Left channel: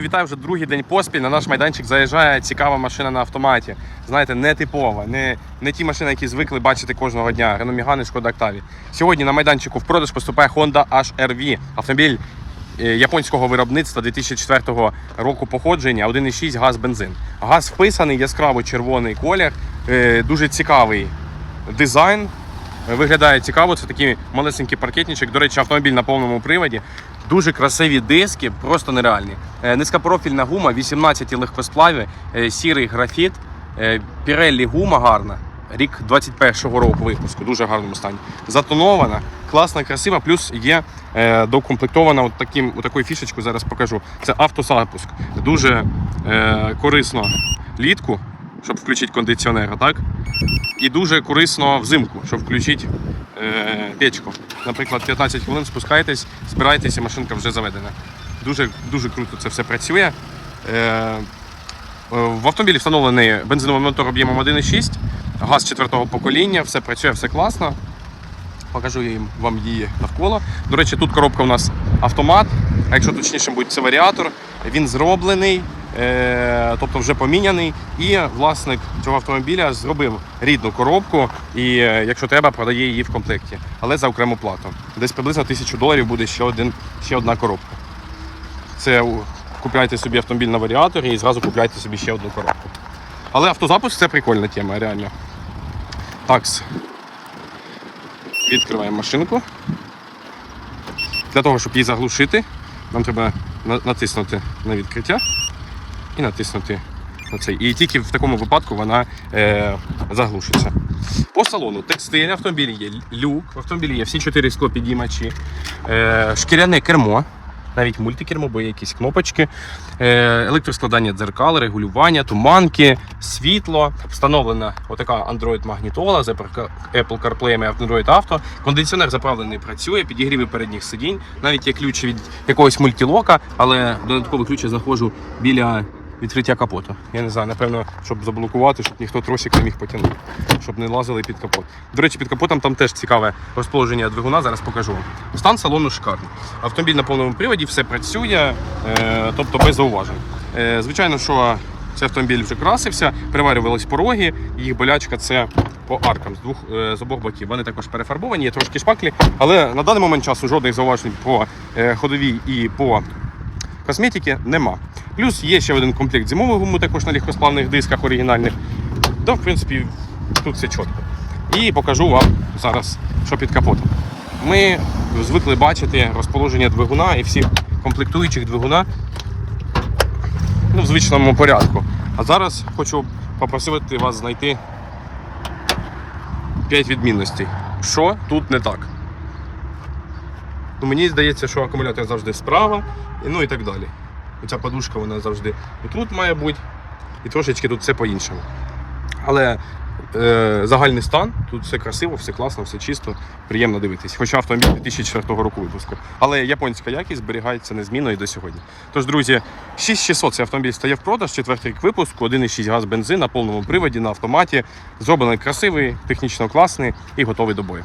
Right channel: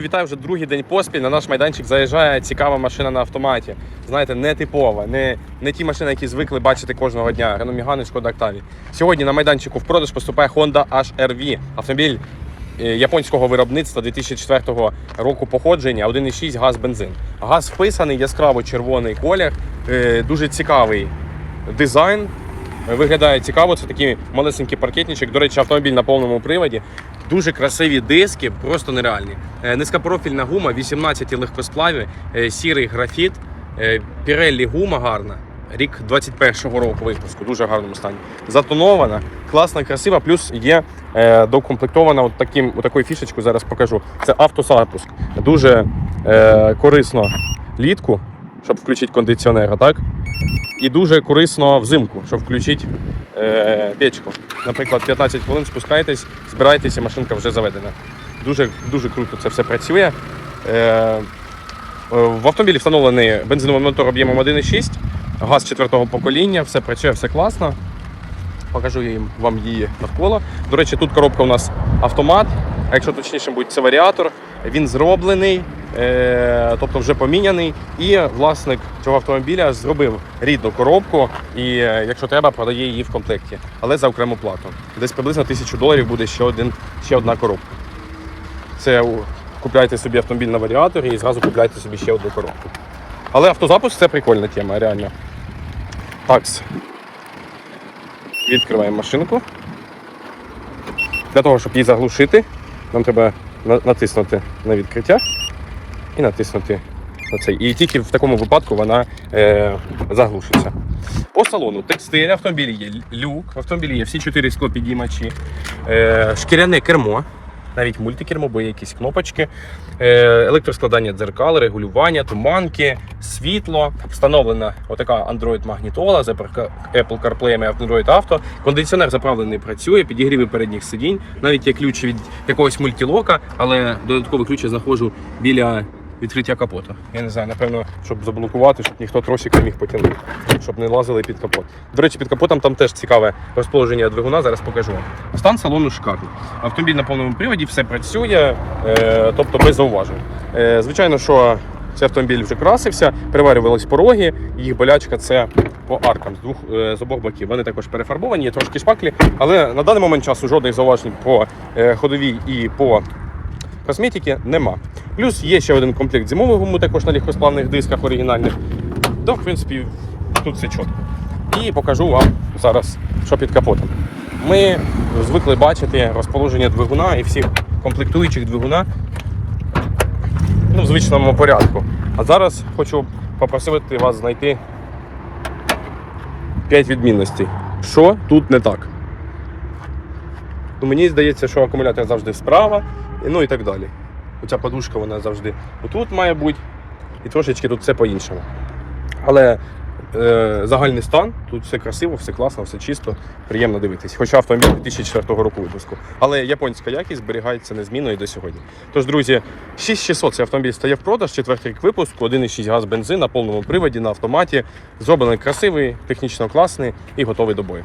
Вітаю вже другий день поспіль. На наш майданчик заїжджає цікава машина на автоматі. Знаєте, не типова, не, не ті машини, які звикли бачити кожного дня. Renault Megane, Шкода Octavia. Сьогодні на майданчику в продаж поступає Honda HR-V. Автомобіль е, японського виробництва 2004 року походження, 1,6 газ бензин. Газ вписаний, яскраво червоний колір, е, дуже цікавий дизайн. Виглядає цікаво, це такий малесенький паркетничок. До речі, автомобіль на повному приводі. Дуже красиві диски, просто нереальні. Е, Низькопрофільна гума, 18 легкосплаві, е, сірий графіт, е, Pirelli гума гарна. Рік 21-го року випуску, дуже гарному стані. Затонована, класна, красива, плюс є е, докомплектована от таким, от такою фішечкою, зараз покажу. Це автозапуск. Дуже е, корисно літку, щоб включити кондиціонера, так? І дуже корисно взимку, щоб включити е, печку. Наприклад, 15 хвилин спускаєтесь, збираєтеся, машинка вже заведена. Дуже, дуже круто це все працює. Е, в автомобілі встановлений бензиновий мотор об'ємом 1,6, газ четвертого покоління, все працює, все класно. Покажу їм вам її навколо. До речі, тут коробка у нас автомат, а якщо точніше буде, це варіатор. Він зроблений, тобто вже поміняний. І власник цього автомобіля зробив рідну коробку, і е, якщо треба, продає її в комплекті, але за окрему плату. Десь приблизно тисячу доларів буде ще, один, ще одна коробка. Це купляйте собі автомобіль на варіаторі і зразу купляйте собі ще одну коробку. Але автозапуск це прикольна тема, реально. Такс. Відкриваємо машинку. Для того, щоб її заглушити, нам треба натиснути на відкриття і натиснути на. І тільки в такому випадку вона е, заглушиться. По салону текстиль, автомобілі є люк, в автомобілі є всі чотири склопідіймачі, е, шкіряне кермо, навіть мультикермо, бо є якісь кнопочки, е, електроскладання дзеркал, регулювання, туманки, світло, встановлена отака Android магнітола з Apple CarPlay і Android Auto. Кондиціонер заправлений працює, підігріви передніх сидінь. Навіть є ключ від якогось мультілока, але додатковий ключ я знаходжу біля відкриття капоту. Я не знаю, напевно, щоб заблокувати, щоб ніхто тросик не міг потягнути, щоб не лазили під капот. До речі, під капотом там теж цікаве розположення двигуна. Зараз покажу вам. Стан салону шикарний. Автомобіль на повному приводі, все працює, е, тобто без зауважень. Е, звичайно, що цей автомобіль вже красився, приварювались пороги, їх болячка це по аркам з двох е, з обох боків. Вони також перефарбовані, є трошки шпаклі, але на даний момент часу жодних зауважень по ходовій і по косметики нема. Плюс є ще один комплект зимової гуми, також на легкосплавних дисках оригінальних. То, в принципі, тут все чітко. І покажу вам зараз, що під капотом. Ми звикли бачити розположення двигуна і всіх комплектуючих двигуна ну, в звичному порядку. А зараз хочу попросити вас знайти 5 відмінностей. Що тут не так? Ну, мені здається, що акумулятор завжди справа, ну і так далі. Оця подушка вона завжди тут має бути, і трошечки тут все по-іншому. Але е, загальний стан, тут все красиво, все класно, все чисто, приємно дивитись. Хоча автомобіль 2004 року випуску. Але японська якість зберігається незмінно і до сьогодні. Тож, друзі, 6600 цей автомобіль стає в продаж, четвертий рік випуску, 1,6 газ бензин на повному приводі, на автоматі. Зроблений красивий, технічно класний і готовий до бою.